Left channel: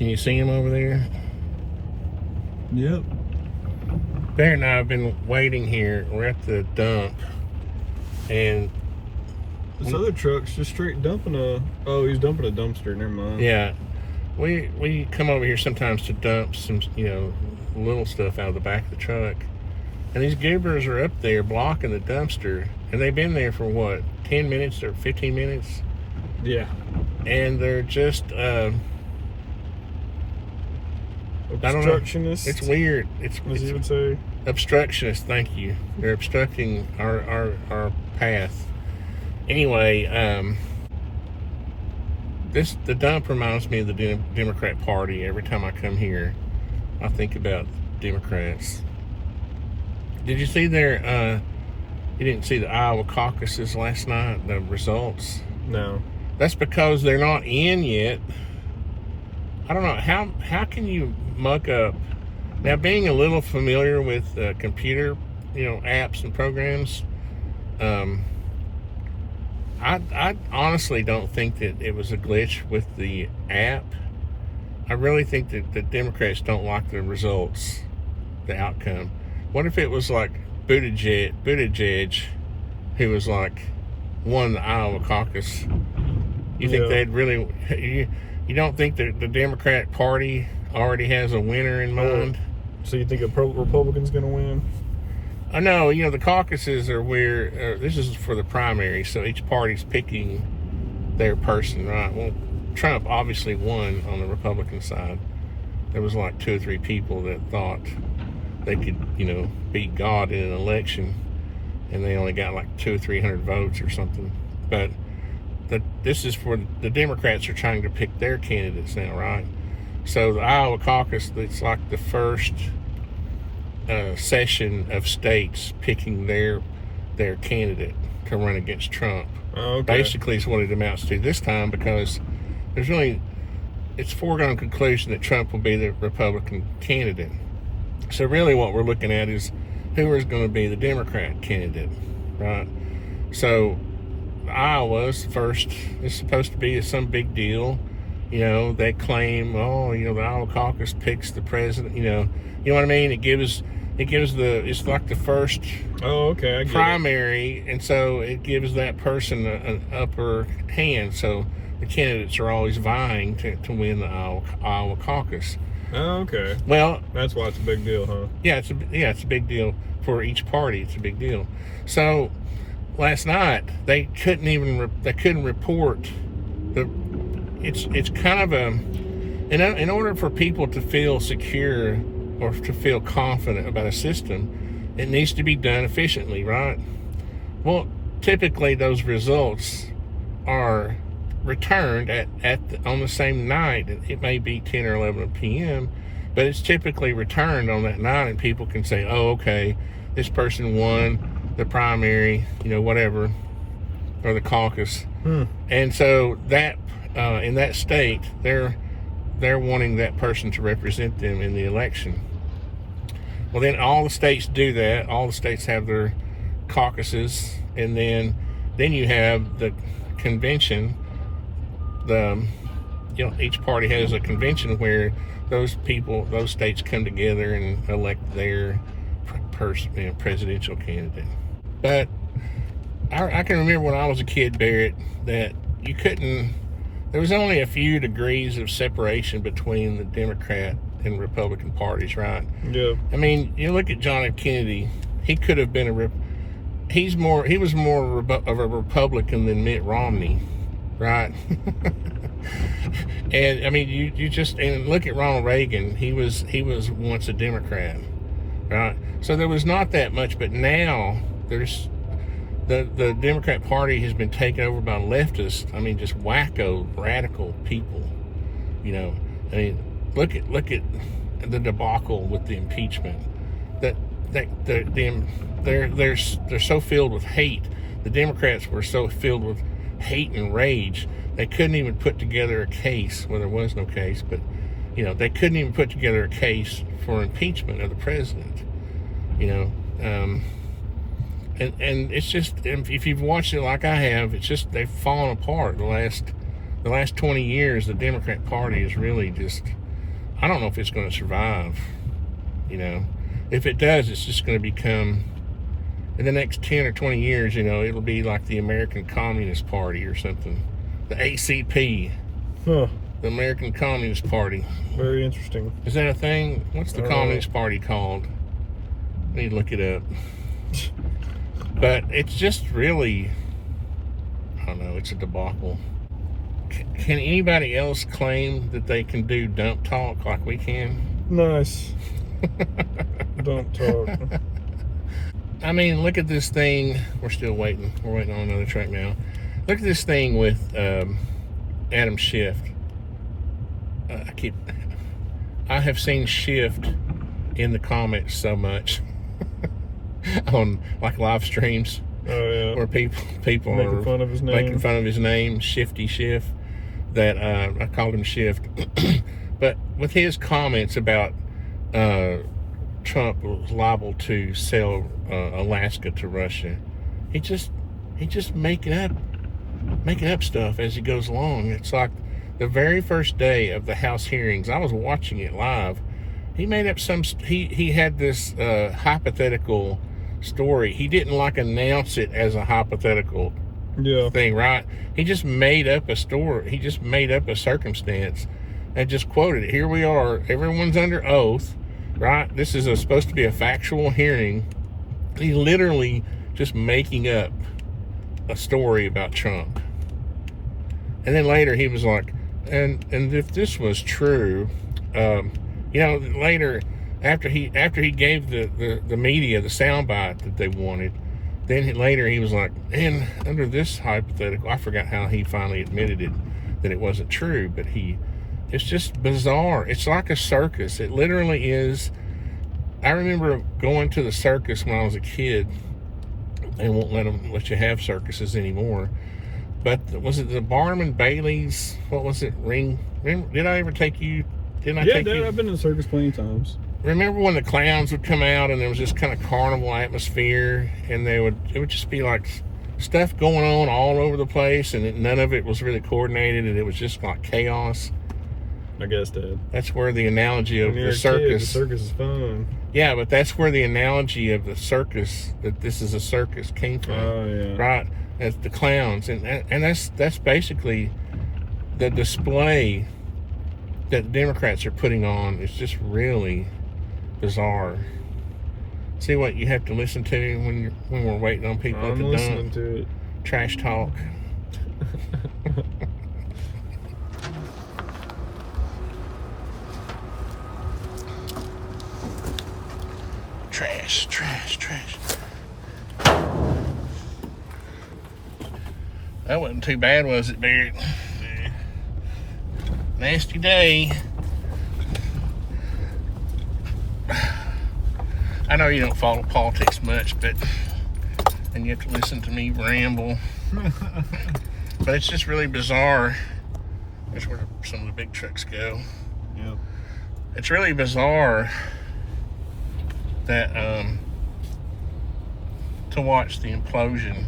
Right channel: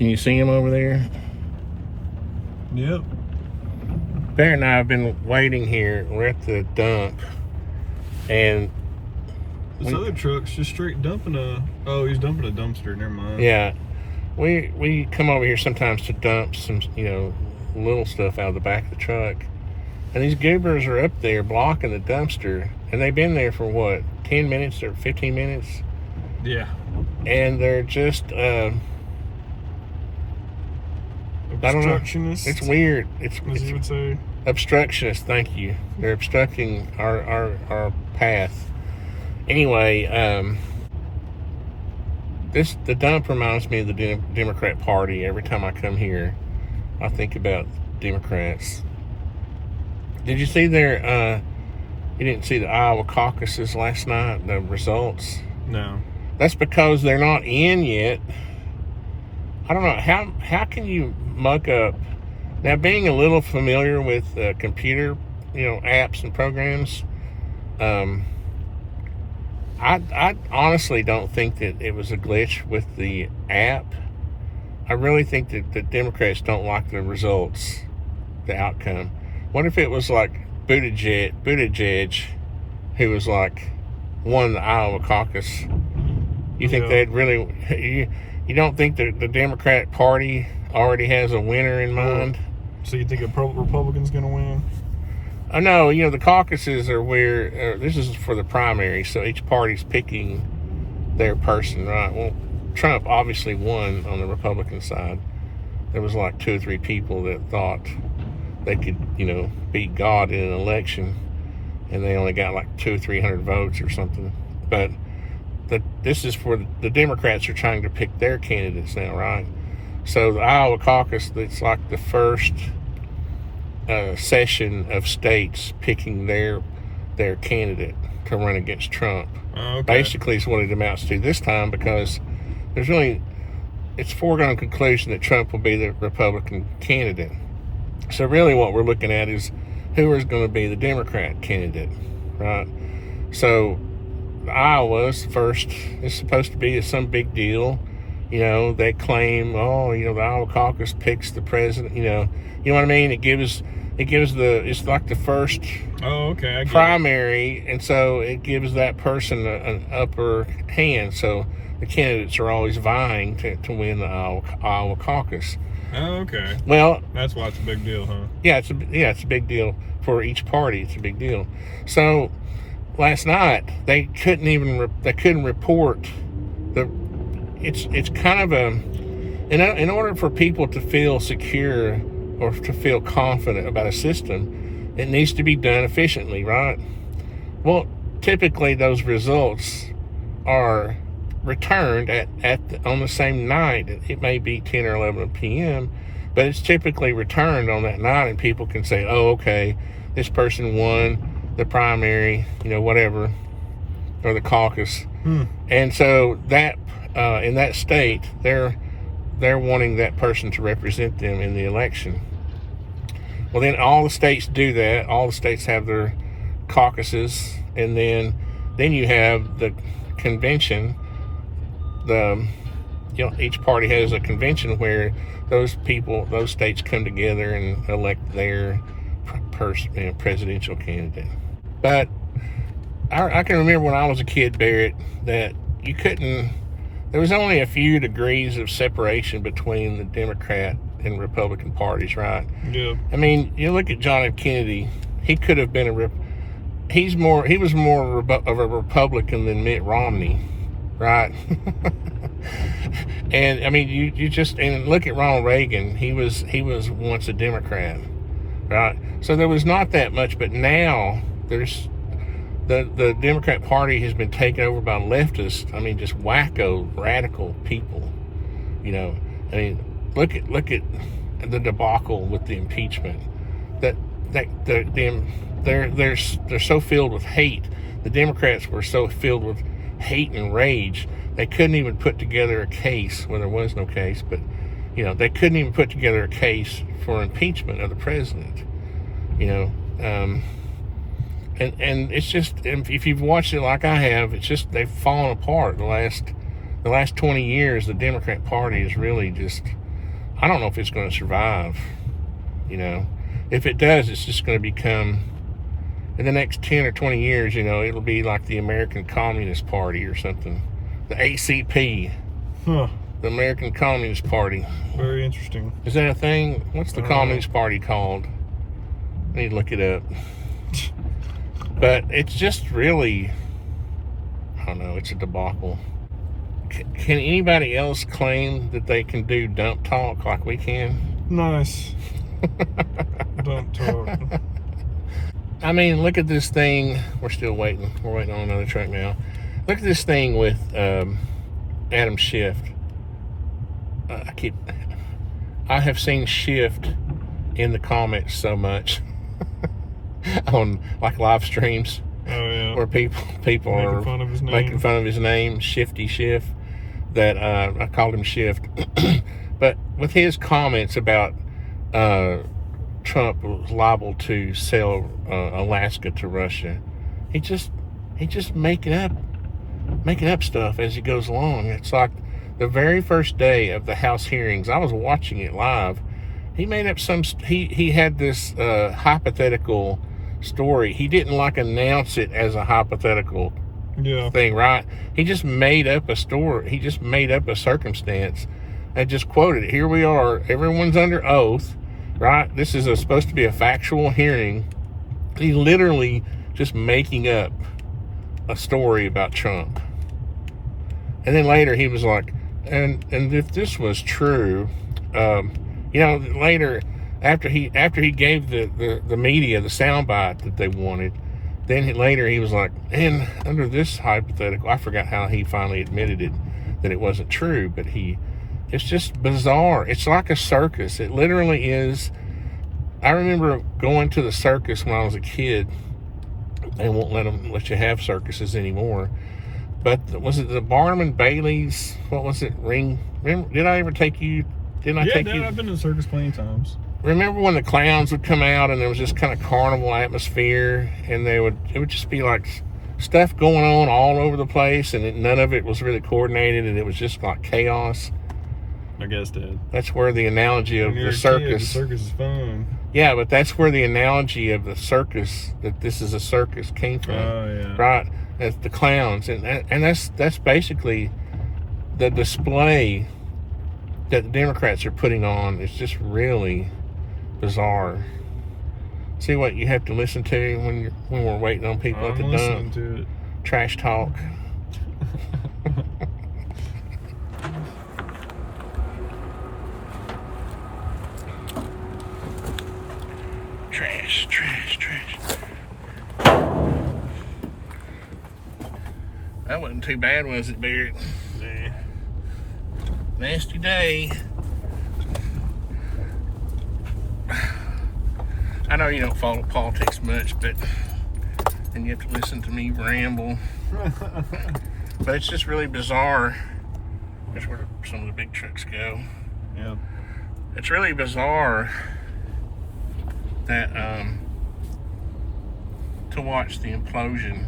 Can you see him over there? Yep. Bear and I have been waiting here. We're at the dump, and this other truck's just straight dumping oh, he's dumping a dumpster. Never mind. Yeah, we come over here sometimes to dump some, little stuff out of the back of the truck, and these goobers are up there blocking the dumpster, and they've been there for what, 10 minutes or 15 minutes? Yeah. And they're just obstructionists. It's weird. What does he even say? Obstructionists. Thank you. They're obstructing our path. Anyway, the dump reminds me of the Democrat Party. Every time I come here, I think about Democrats. Did you see you didn't see the Iowa caucuses last night, the results? No. That's because they're not in yet. I don't know, how can you muck up? Now, being a little familiar with computer, apps and programs, I honestly don't think that it was a glitch with the app. I really think that the Democrats don't like the results, the outcome. What if it was like Buttigieg, who was like won the Iowa caucus? You think they'd really? You don't think that the Democratic Party already has a winner in mind? So you think a Republican's going to win? No, the caucuses are where, this is for the primary, so each party's picking their person, right? Well, Trump obviously won on the Republican side. There was like 2 or 3 people that thought they could, beat God in an election, and they only got like 200 or 300 votes or something. But this is for the Democrats are trying to pick their candidates now, right? So the Iowa caucus, it's like the first session of states picking their candidate to run against Trump. Okay. Basically is what it amounts to this time, because it's foregone conclusion that Trump will be the Republican candidate. So really what we're looking at is who is going to be the Democrat candidate, right? So Iowa's first is supposed to be some big deal. They claim, the Iowa caucus picks the president, you know what I mean? It's like the first primary, and so it gives that person an upper hand. So the candidates are always vying to win the Iowa caucus. Oh, okay. Well, that's why it's a big deal, huh? Yeah, it's a big deal for each party. It's a big deal. So last night they couldn't report it's kind of in order for people to feel secure or to feel confident about a system, it needs to be done efficiently, right? Well, typically those results are returned on the same night. It may be 10 or 11 p.m., but it's typically returned on that night, and people can say, oh, okay, this person won the primary, whatever, or the caucus. And so that in that state, they're wanting that person to represent them in the election. Well, then all the states do that. All the states have their caucuses, and then you have the convention. Each party has a convention where those states come together and elect their presidential candidate. But I can remember when I was a kid, Barrett, that there was only a few degrees of separation between the Democrat and Republican parties, right? Yeah. I mean, you look at John F. Kennedy. He could have been he was more of a Republican than Mitt Romney, right? And I mean, you look at Ronald Reagan. He was once a Democrat, right? So there was not that much, but now there's the Democrat Party has been taken over by leftists. I mean, just wacko, radical people. I mean, look at the debacle with the impeachment. They're so filled with hate. The Democrats were so filled with hate and rage, they couldn't even put together a case. Well, there was no case, but they couldn't even put together a case for impeachment of the president. And it's just, if you've watched it like I have, it's just they've fallen apart. The last 20 years, the Democrat Party is really just I don't know if it's going to survive. You know, if it does, it's just going to become, in the next 10 or 20 years, you know, it'll be like the American Communist Party or something. The ACP. Huh. The American Communist Party. Very interesting. Is that a thing? What's the Communist Party called? I need to look it up. But it's just really, I don't know, it's a debacle. Can anybody else claim that they can do dump talk like we can? Nice. Dump talk. I mean, look at this thing. We're still waiting. We're waiting on another truck now. Look at this thing with Adam Schiff. I have seen Shift in the comments so much on like live streams. Oh yeah. Where people making are fun of his name. making fun of his name, Shifty Schiff. That I called him Shift, but with his comments about Trump was liable to sell Alaska to Russia, he just making up stuff as he goes along. It's like the very first day of the House hearings, I was watching it live. He made up he had this hypothetical story. He didn't like announce it as a hypothetical thing, right? He just made up a story. He just made up a circumstance and just quoted it. Here we are. Everyone's under oath, right? This is supposed to be a factual hearing. He literally just making up a story about Trump. And then later he was like, and if this was true, you know, later after he gave the media the soundbite that they wanted, then later he was like, and under this hypothetical, I forgot how he finally admitted it, that it wasn't true, but it's just bizarre. It's like a circus. It literally is. I remember going to the circus when I was a kid. They won't let you have circuses anymore. But was it the Barnum and Bailey's? What was it? Did I ever take you? Dad, I've been to the circus plenty of times. Remember when the clowns would come out and there was this kind of carnival atmosphere, and it would just be like stuff going on all over the place, and none of it was really coordinated, and it was just like chaos. I guess, Dad. That's where the analogy of the circus. Kid, the circus is fun. Yeah, but that's where the analogy of the circus, that this is a circus, came from. Oh yeah. Right. That's the clowns, and that's basically the display that the Democrats are putting on. Is just really bizarre. See what you have to listen to when we're waiting on people at the dump. I'm listening to it. Trash talk. Trash. That wasn't too bad, was it, Barrett? Yeah. Nasty day. I know you don't follow politics much, and you have to listen to me ramble. But it's just really bizarre. That's where some of the big trucks go. Yeah. It's really bizarre that to watch the implosion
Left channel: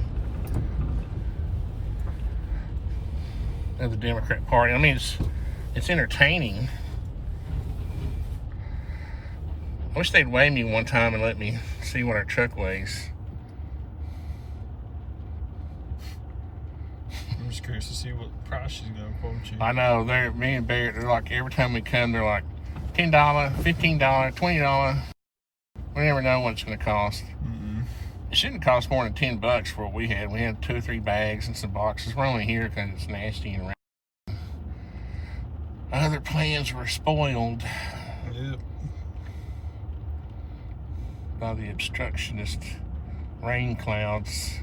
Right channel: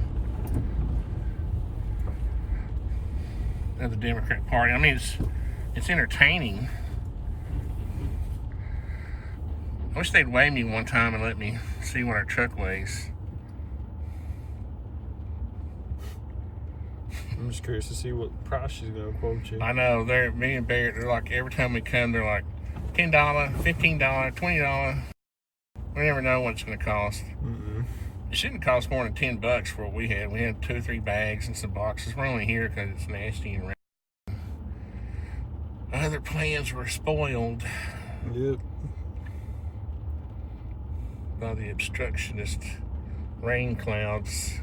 of the Democrat Party. I mean, it's entertaining. I wish they'd weigh me one time and let me see what our truck weighs. I'm just curious to see what price she's gonna quote you. I know, me and Barrett, they're like, every time we come, they're like $10, $15, $20. We never know what it's gonna cost. Mm-mm. It shouldn't cost more than $10 for what we had. We had 2 or 3 bags and some boxes. We're only here because it's nasty and rain. Other plans were spoiled. Yep. By the obstructionist rain clouds.